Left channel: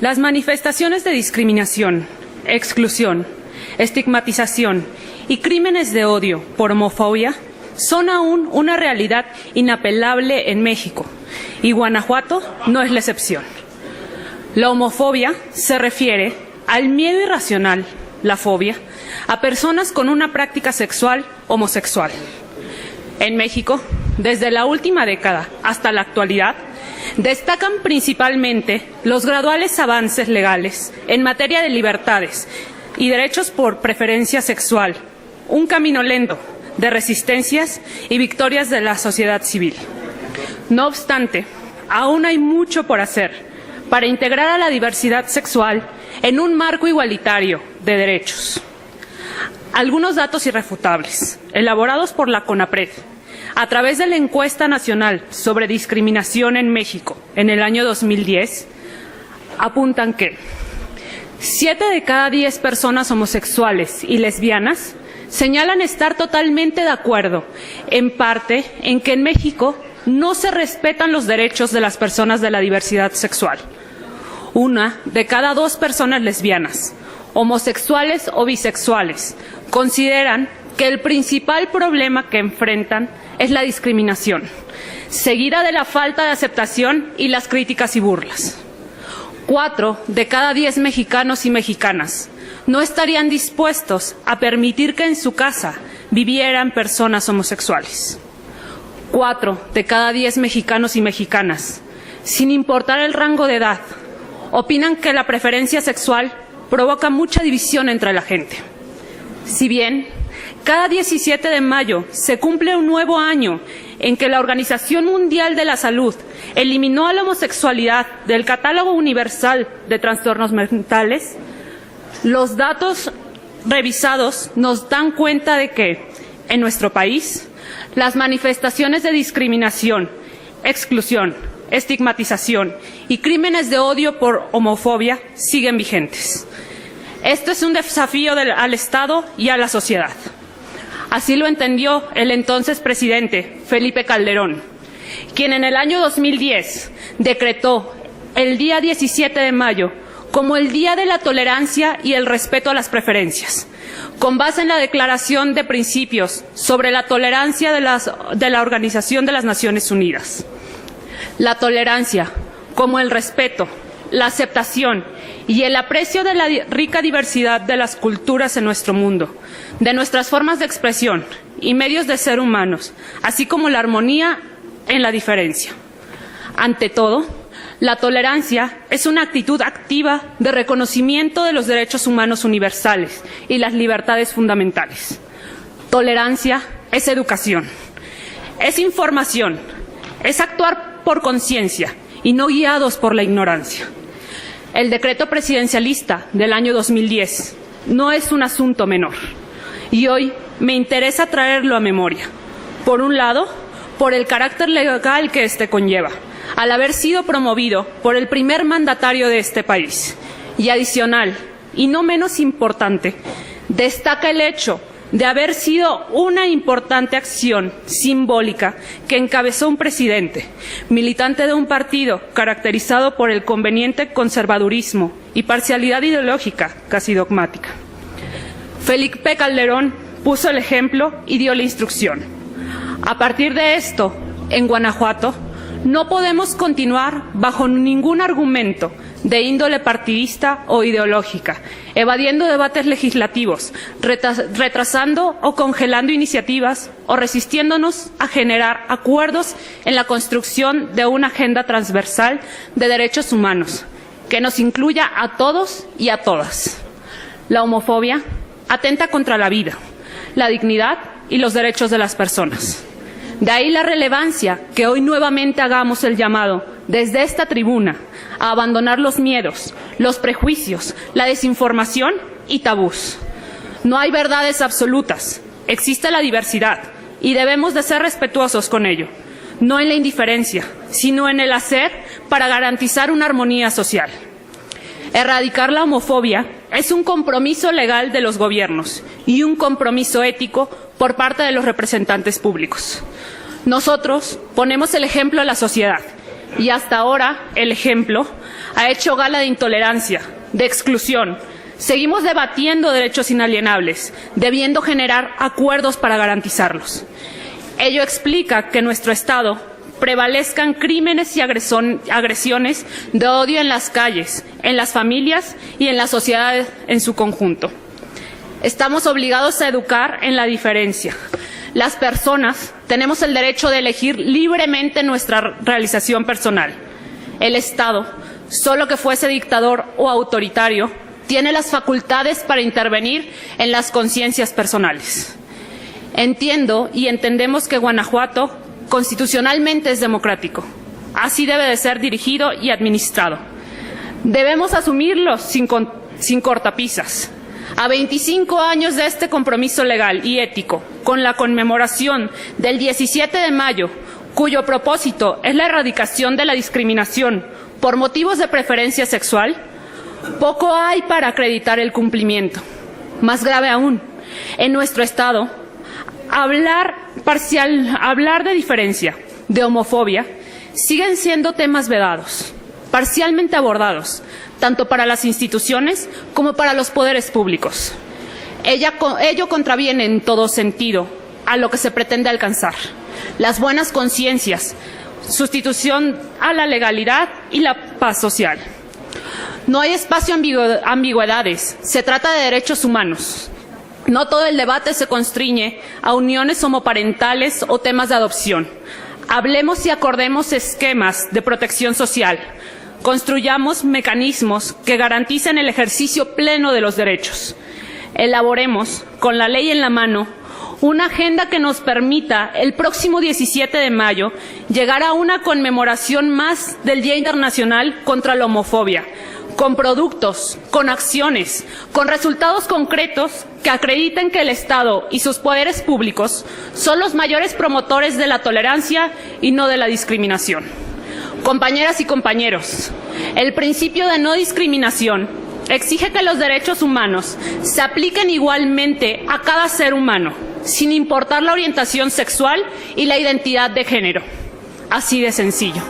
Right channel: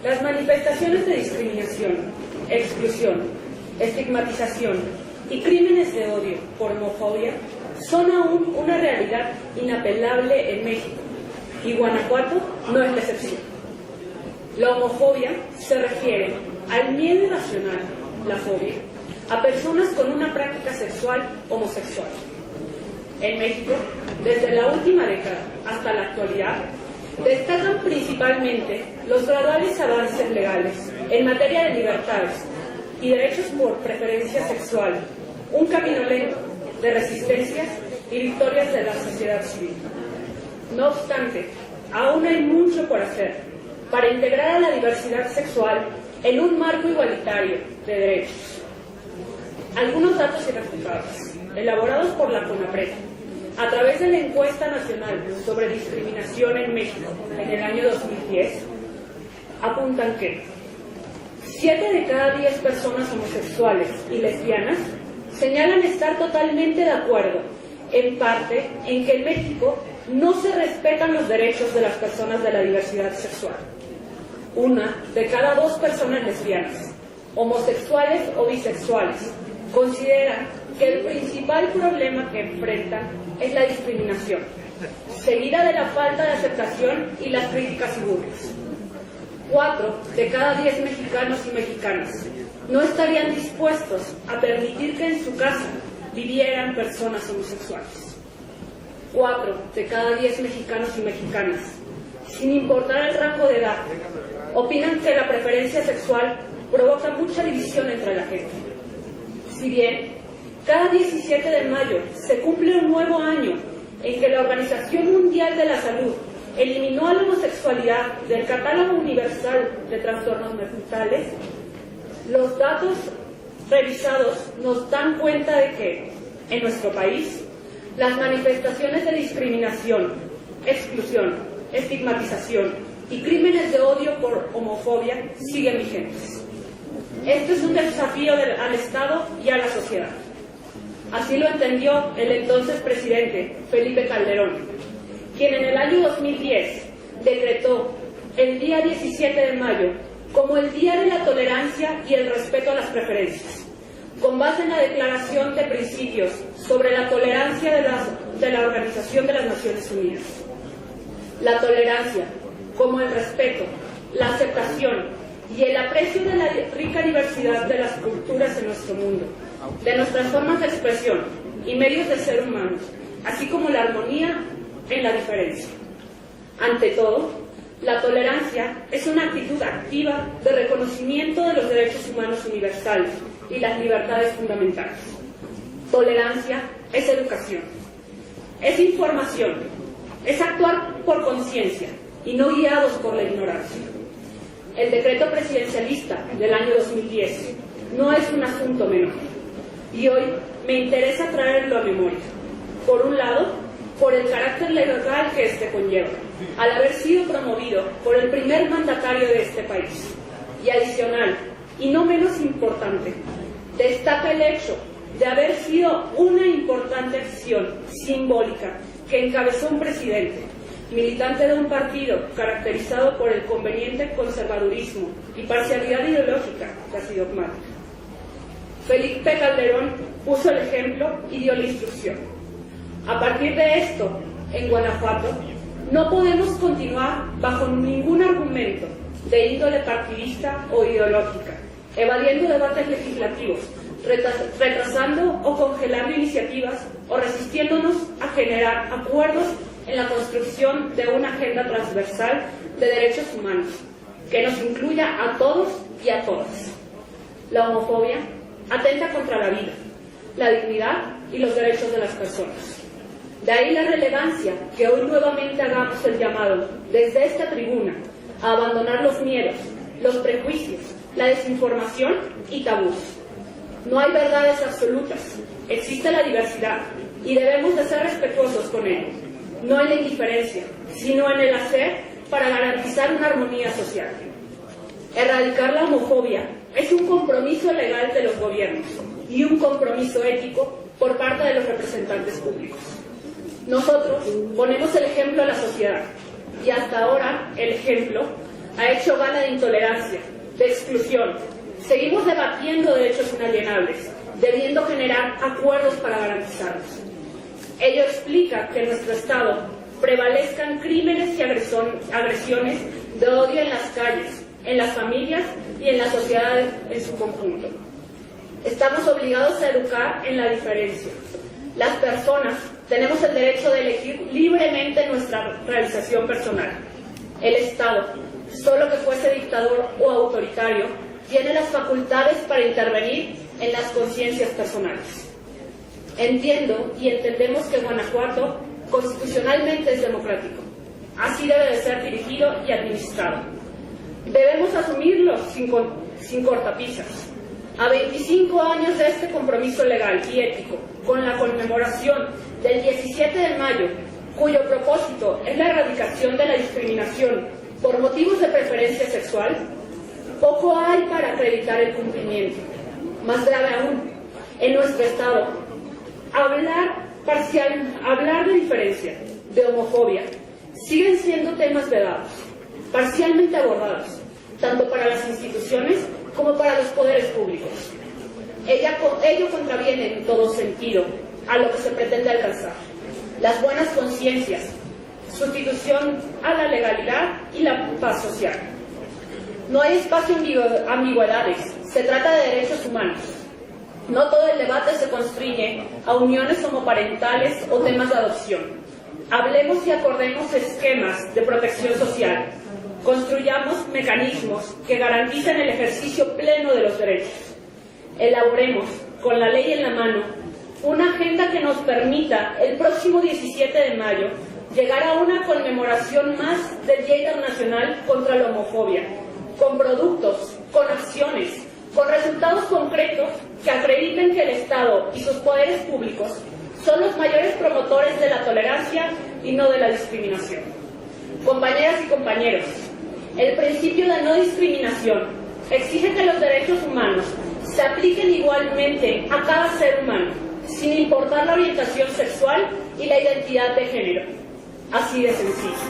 Las manifestaciones de discriminación, exclusión, estigmatización y crímenes de odio por homofobia son aún una realidad inapelable en México, y Guanajuato no es la excepción. La homofobia se refiere al miedo irracional, la fobia, a personas con una práctica sexual homosexual. En México, desde la última década hasta la actualidad, destacan principalmente los graduales avances legales en materia de libertades y derechos por preferencia sexual, un camino lento de resistencias y victorias de la sociedad civil. No obstante, aún hay mucho por hacer para integrar a la diversidad sexual en un marco igualitario de derechos. Algunos datos irrefutables, elaborados por la CONAPRED, a través de la encuesta nacional sobre discriminación en México en el año 2010, apuntan que 7 de cada 10 personas homosexuales y lesbianas señalan estar totalmente de acuerdo, en parte, en que en México no se respetan los derechos de las personas de la diversidad sexual. 1 de cada 2 personas lesbianas, homosexuales o bisexuales, consideran que el principal problema que enfrentan es la discriminación, seguida de la falta de aceptación y las críticas y burlas. 4 de cada 10 mexicanos y mexicanas no estarían dispuestos a permitir que en su casa vivieran personas homosexuales. 4 de cada 10 mexicanos y mexicanas, sin importar el rango de edad, opinan que la preferencia sexual provoca mucha división entre la gente. Si bien cada 17 de mayo se cumple un nuevo año en que la Organización Mundial de la Salud eliminó a la homosexualidad del catálogo universal de trastornos mentales, los datos revisados nos dan cuenta de que, en nuestro país, las manifestaciones de discriminación, exclusión, estigmatización y crímenes de odio por homofobia siguen vigentes. Esto es un desafío al Estado y a la sociedad. Así lo entendió el entonces presidente Felipe Calderón, quien en el año 2010 decretó el día 17 de mayo como el Día de la Tolerancia y el Respeto a las Preferencias, con base en la Declaración de Principios sobre la Tolerancia de la Organización de las Naciones Unidas. La tolerancia, como el respeto, la aceptación y el aprecio de la rica diversidad de las culturas en nuestro mundo, de nuestras formas de expresión y medios de ser humanos, así como la armonía en la diferencia. Ante todo, la tolerancia es una actitud activa de reconocimiento de los derechos humanos universales y las libertades fundamentales. Tolerancia es educación, es información, es actuar por conciencia y no guiados por la ignorancia. El decreto presidencialista del año 2010 no es un asunto menor y hoy me interesa traerlo a memoria. Por un lado, por el carácter legal que este conlleva, al haber sido promovido por el primer mandatario de este país. Y adicional, y no menos importante, destaca el hecho de haber sido una importante acción simbólica que encabezó un presidente, militante de un partido caracterizado por el conveniente conservadurismo y parcialidad ideológica casi dogmática. Felipe Calderón puso el ejemplo y dio la instrucción. A partir de esto, en Guanajuato, no podemos continuar bajo ningún argumento de índole partidista o ideológica, evadiendo debates legislativos, retrasando o congelando iniciativas o resistiéndonos a generar acuerdos en la construcción de una agenda transversal de derechos humanos que nos incluya a todos y a todas. La homofobia atenta contra la vida, la dignidad y los derechos de las personas. De ahí la relevancia que hoy nuevamente hagamos el llamado desde esta tribuna a abandonar los miedos, los prejuicios, la desinformación y tabús. No hay verdades absolutas, existe la diversidad y debemos de ser respetuosos con ello, no en la indiferencia, sino en el hacer para garantizar una armonía social. Erradicar la homofobia es un compromiso legal de los gobiernos y un compromiso ético por parte de los representantes públicos. Nosotros ponemos el ejemplo a la sociedad y hasta ahora el ejemplo ha hecho gala de intolerancia, de exclusión. Seguimos debatiendo derechos inalienables, debiendo generar acuerdos para garantizarlos. Ello explica que en nuestro Estado prevalezcan crímenes y agresiones de odio en las calles, en las familias y en la sociedad en su conjunto. Estamos obligados a educar en la diferencia. Las personas tenemos el derecho de elegir libremente nuestra realización personal. El Estado, solo que fuese dictador o autoritario, tiene las facultades para intervenir en las conciencias personales. Entiendo y entendemos que Guanajuato constitucionalmente es democrático. Así debe de ser dirigido y administrado. Debemos asumirlo sin cortapisas. A 25 años de este compromiso legal y ético, con la conmemoración del 17 de mayo, cuyo propósito es la erradicación de la discriminación por motivos de preferencia sexual, poco hay para acreditar el cumplimiento. Más grave aún, en nuestro Estado, hablar de diferencia, de homofobia, siguen siendo temas vedados, parcialmente abordados, tanto para las instituciones como para los poderes públicos. Ello contraviene en todo sentido a lo que se pretende alcanzar: las buenas conciencias, sustitución a la legalidad y la paz social. No hay espacio a ambigüedades, se trata de derechos humanos. No todo el debate se constriñe a uniones homoparentales o temas de adopción. Hablemos y acordemos esquemas de protección social. Construyamos mecanismos que garanticen el ejercicio pleno de los derechos. Elaboremos, con la ley en la mano, una agenda que nos permita el próximo 17 de mayo llegar a una conmemoración más del Día Internacional contra la Homofobia, con productos, con acciones, con resultados concretos que acrediten que el Estado y sus poderes públicos son los mayores promotores de la tolerancia y no de la discriminación. Compañeras y compañeros, el principio de no discriminación exige que los derechos humanos se apliquen igualmente a cada ser humano, sin importar la orientación sexual y la identidad de género. Así de sencillo.